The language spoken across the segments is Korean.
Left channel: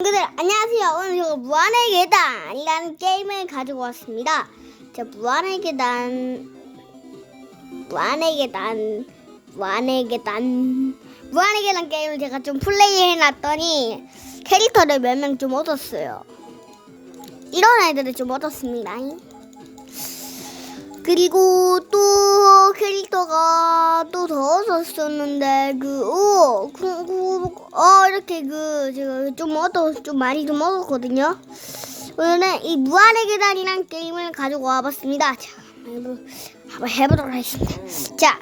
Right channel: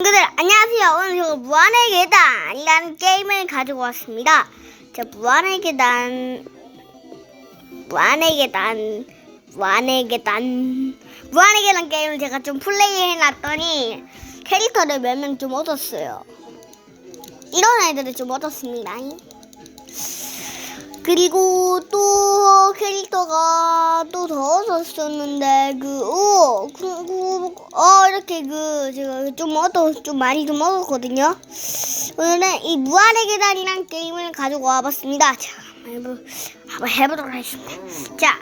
친구들 안녕하세요. 오늘 저 무한의 계단이라는 게임을 가지고 왔습니다. 자 무한의 계단, 무한의 계단, 무한의 계단, 무한의 계단 게임을 제가 좀 플레이 해놨더니 캐릭터를 몇 명 좀 얻었어요. 이런 애들을 좀 얻었습니다. 그리고 또 캐릭터가 또더 얻었었는데 그오 그리고 어 이렇게 그 제가 좀 얻어 좀 많이 좀 얻었거든요. 오늘은 이 무한의 계단이란 게임을 가지고 와봤습니다. 자 한번 한번 해보도록 하겠습니다. 자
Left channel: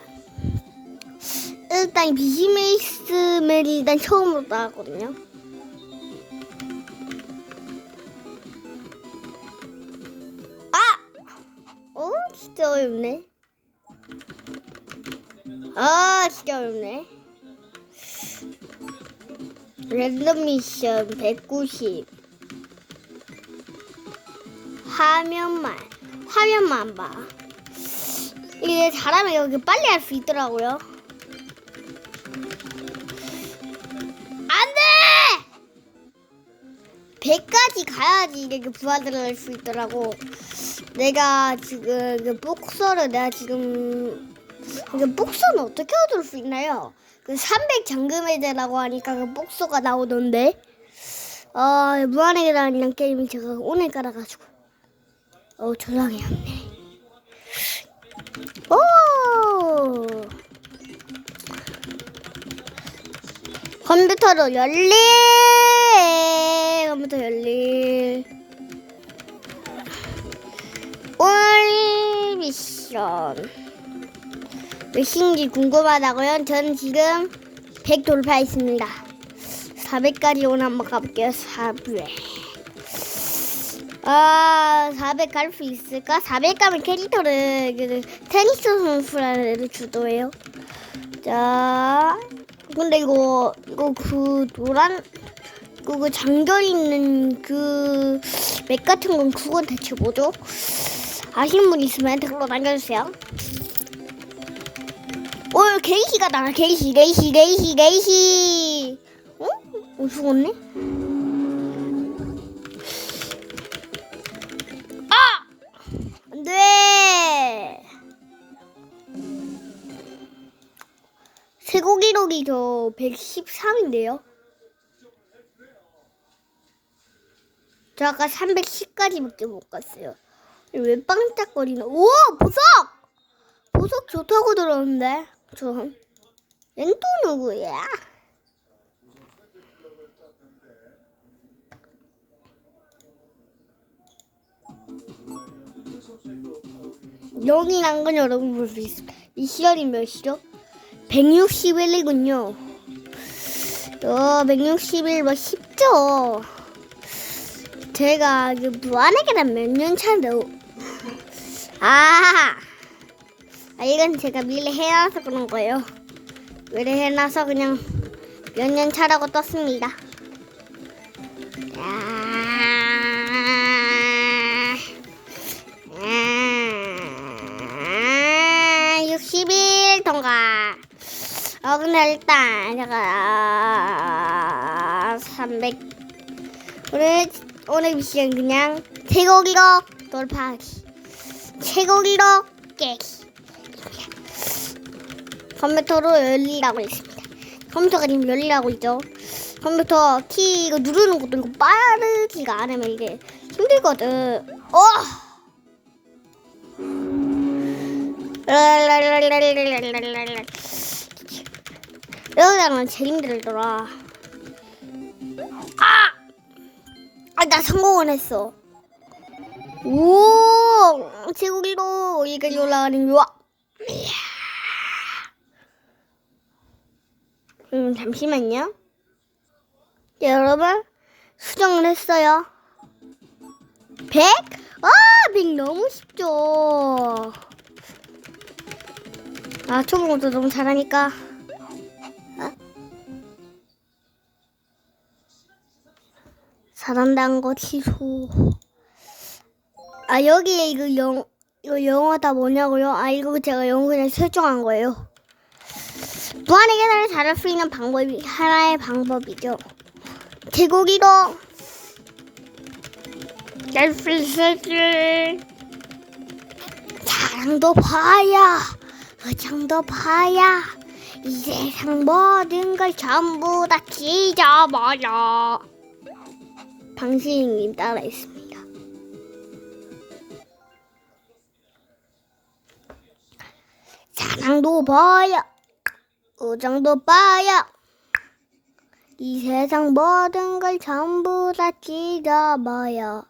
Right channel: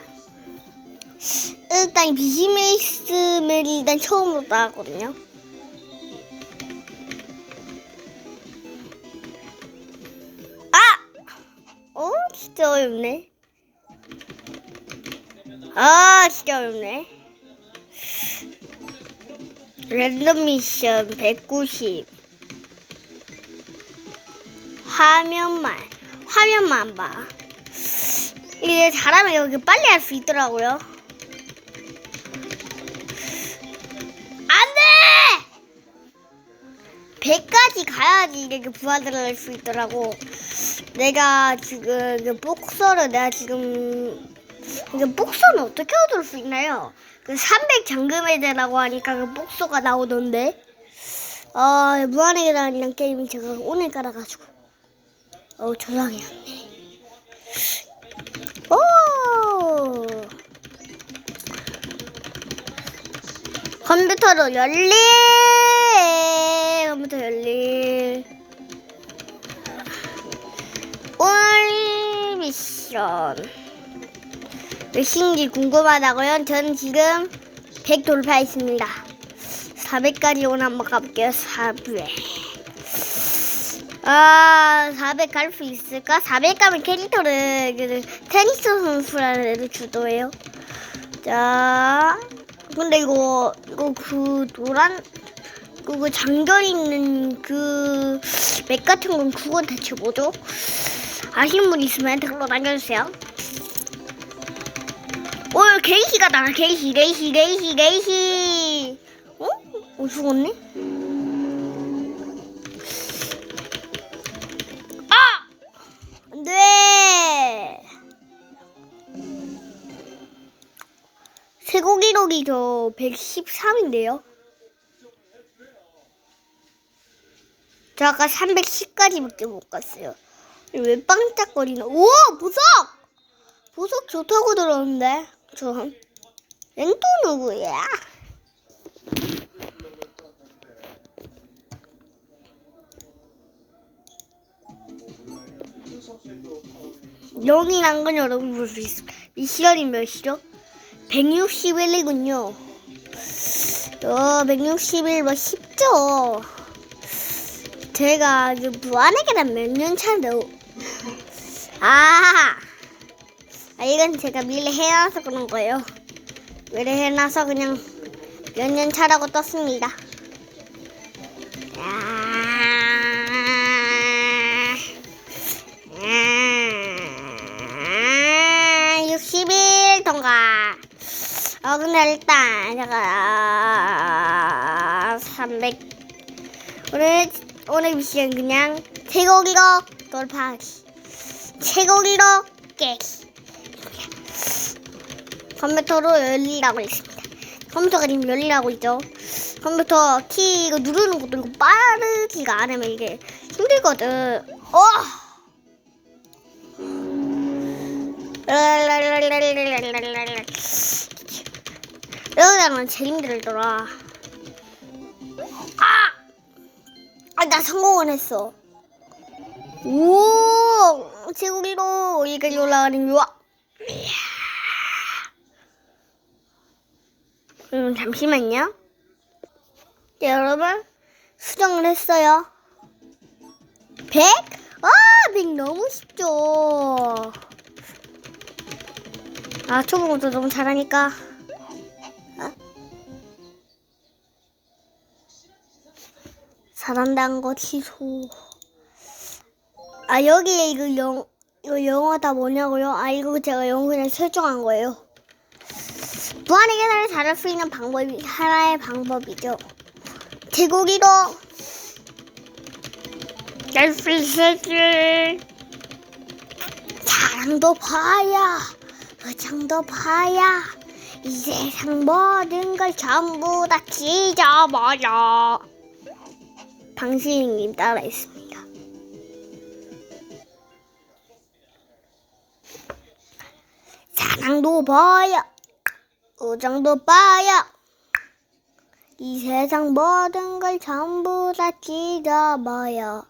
일단 비즈메이스를 일단 처음으로 나왔거든요. 진짜 어렵네. 아 진짜 어렵네. 랜덤 미션 190 화면만 화면만 봐. 이게 잘하면 여기 빨리 할 수 있더라고요. 안 돼! 100까지 가야지 이렇게 할수 있더라고. 내가 지금 그 복서를 내가 지금 그 복서는 어떻게 얻을 수 있나요? 그 300 잠금해제라고 하니까 그 복서가 나오던데. 아 무한의 계단이란 게임이 제가 오늘 깔아가지고 어 조용히 했네. 오 컴퓨터로 열리 컴퓨터 열리 미션 몇인지 궁금하다고요? 저는 지금 100 돌파했습니다 400까지 오늘 한번 가볼게요 400 아, 400 갈 수 있을까? 400 가면 캐릭터를 그 테니스 선수라는 애를 주도해요. 자, 근데 이거 이거 그 노란 그, 그 장전 있는 그 맥 같은 건 그건 대체 뭐죠? 아시는 분 있으면 댓글로 남겨주세요. 오늘 게이시가 나가 게이시 게이시 게이시 게이시 어? 어 죽었네? 아! 안돼 최고 기록이 저 113인데요 저 아까 310까지밖에 못 갔어요 왜 빵짝거리나 오 보석 보석 좋다고 들었는데 저 랭또 누구야 영이란 건 여러분 볼 수 있어. 이 시간이 몇이죠? 161이군요. 어, 161, 뭐 쉽죠? 제가 그 무한의 계단 몇년 차인데, 아, 아, 이건 제가 미리 해놔서 그런 거예요. 미리 해놔서 그냥 몇 년 차라고 떴습니다. 아, 아, 60일 통과. 어, 근데 일단, 제가, 300. 오늘, 오늘 미션 그냥, 최고기로 돌파하기. 최고기로 깨기. 컴퓨터로 열리라고 했습니다. 컴퓨터가 지금 열리라고 있죠. 컴퓨터 키 이거 누르는 것도 이거 빠르지가 않으면 이게 힘들거든. 어! 이러다는 제일 힘들더라. 아! 아, 나 성공을 했어. 오! 제국이로 여기까지 올라가는 요 음, 잠시만요. 네, 여러분, 수정을 했어요. 100? 아, 100 너무 쉽죠. 아, 초보부터 너무 잘하니까. 어? 잘한다는 거 취소. 아, 여기에 이거 영, 이거 영어 다 뭐냐고요? 아, 이거 제가 영어 그냥 설정한 거예요. 무한의 계산을 잘할 수 있는 방법이 하나의 방법이죠. 개고기로 넷플릭스 사랑도 봐야 의장도 봐야 이 세상 모든 걸 전부 다 찢어버려 방신님 따라 있습니다 사랑도 봐야 의장도 봐야 이 세상 모든 걸 전부 다 찢어버려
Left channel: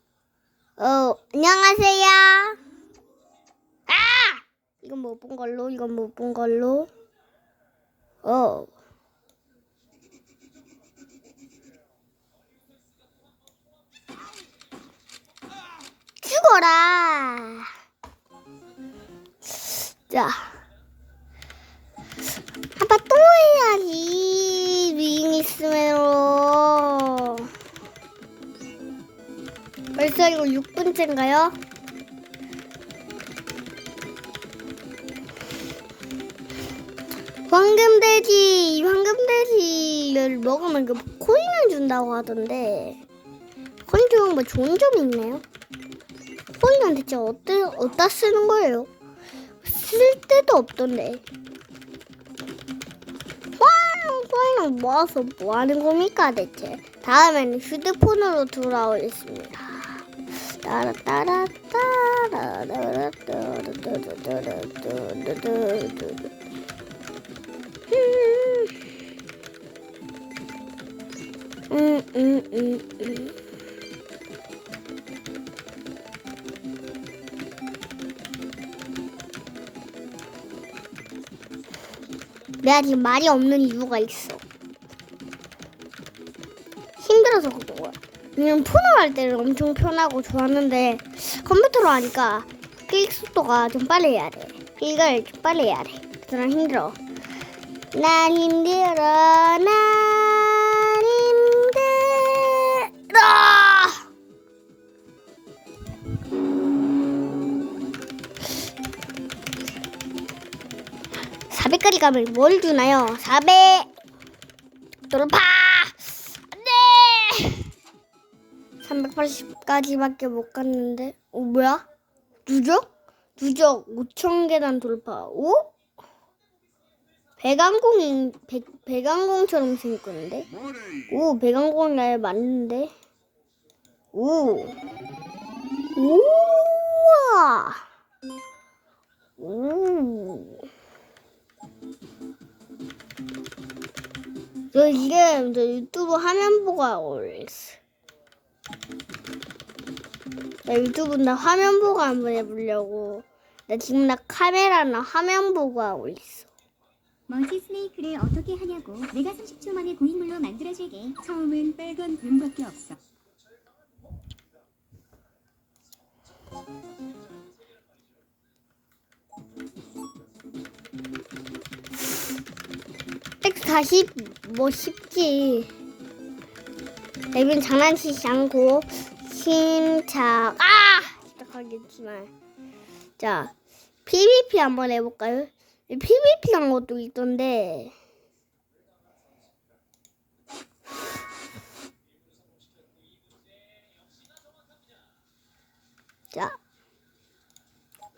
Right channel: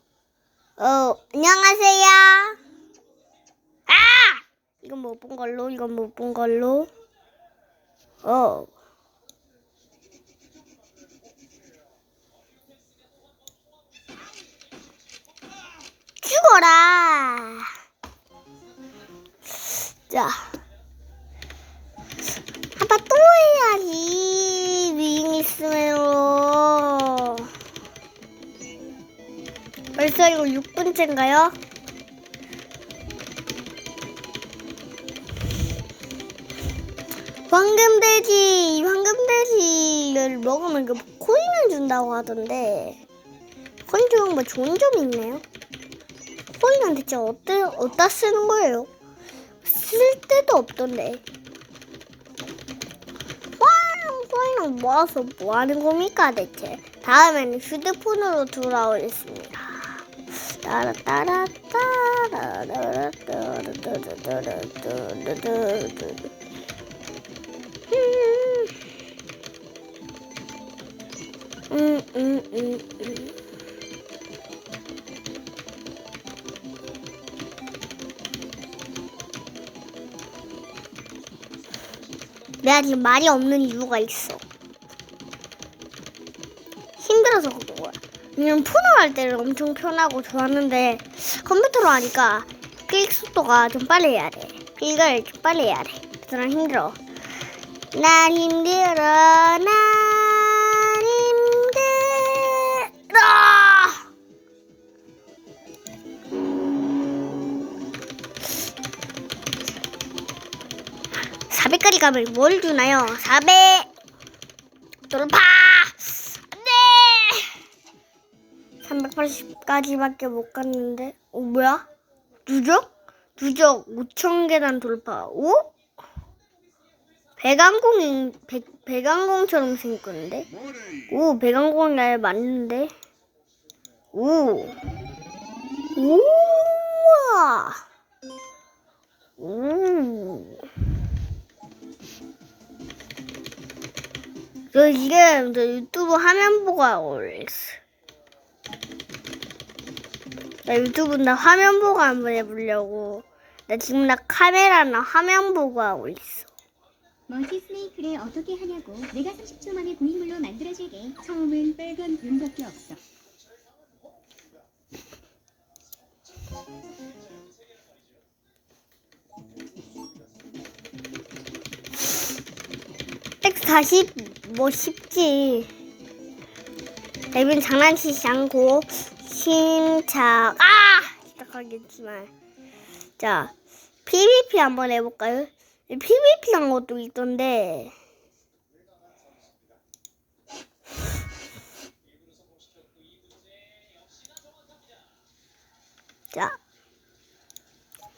어, 안녕하세요. 아! 이건 못 본 걸로, 이건 못 본 걸로. 어. 죽어라. 자. 또 해야지. 윙 있으면로. 벌써 이거 6분째인가요? 황금돼지, 황금돼지를 먹으면 그 코인을 준다고 하던데 코인 주는 뭐 좋은 점이 있나요? 코인은 대체 어떠, 어디다 쓰는 거예요? 쓸 데도 없던데 돈 모아서 뭐 하는 겁니까 대체? 다음에는 휴대폰으로 돌아오겠습니다. 음, 음, 음, 음. 내가 지금 말이 없는 이유가 있어. 왜냐면 폰으로 할 때는 엄청 편하고 좋았는데 컴퓨터로 하니까 클릭 속도가 좀 빨리 해야 돼. 이걸 좀 빨리 해야 돼. 그래서 힘들어. 난 힘들어. 난 힘들어. 400까지 가면 뭘 주나요? 400 돌파 380까지밖에 못 갔는데 어 뭐야? 누적? 누적 5천 계단 돌파 오? 배강공인 배, 배강공처럼 생겼는데 오 배강공 날 맞는데 오 우와 오저 이게 저 유튜브 화면 보고 하고 있어. 나 유튜브 나 화면 보고 한번 해보려고. 나 지금 나 카메라나 화면 보고 하고 있어. 먼지 스네이크를 어떻게 하냐고 내가 30초 만에 고인물로 만들어줄게 처음은 빨간 뱀밖에 없어 텍스 다시 뭐 쉽지. 앱은 장난치지 않고 신착 아 시작하겠지만 자 PVP 한번 해볼까요? PVP 한 것도 있던데 자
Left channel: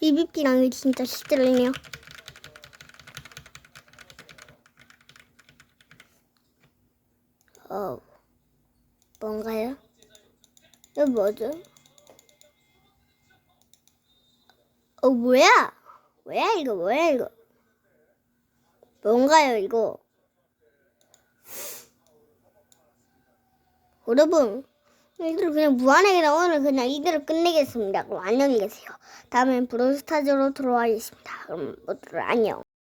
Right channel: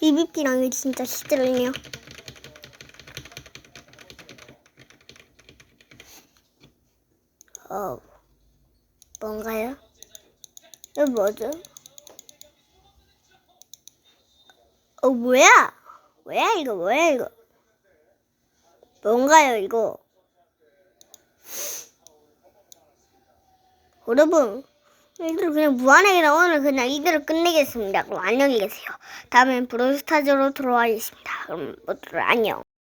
PVP랑 게 진짜 시들리네요. 어, 뭔가요? 이거 뭐죠? 어, 뭐야? 뭐야, 이거, 뭐야, 이거? 뭔가요, 이거? 여러분, 이들 그냥 무한하게 나오는 그냥 이대로 끝내겠습니다. 그럼 안녕히 계세요. 다음엔 브롤스타즈로 돌아가겠습니다. 그럼 모두들 안녕.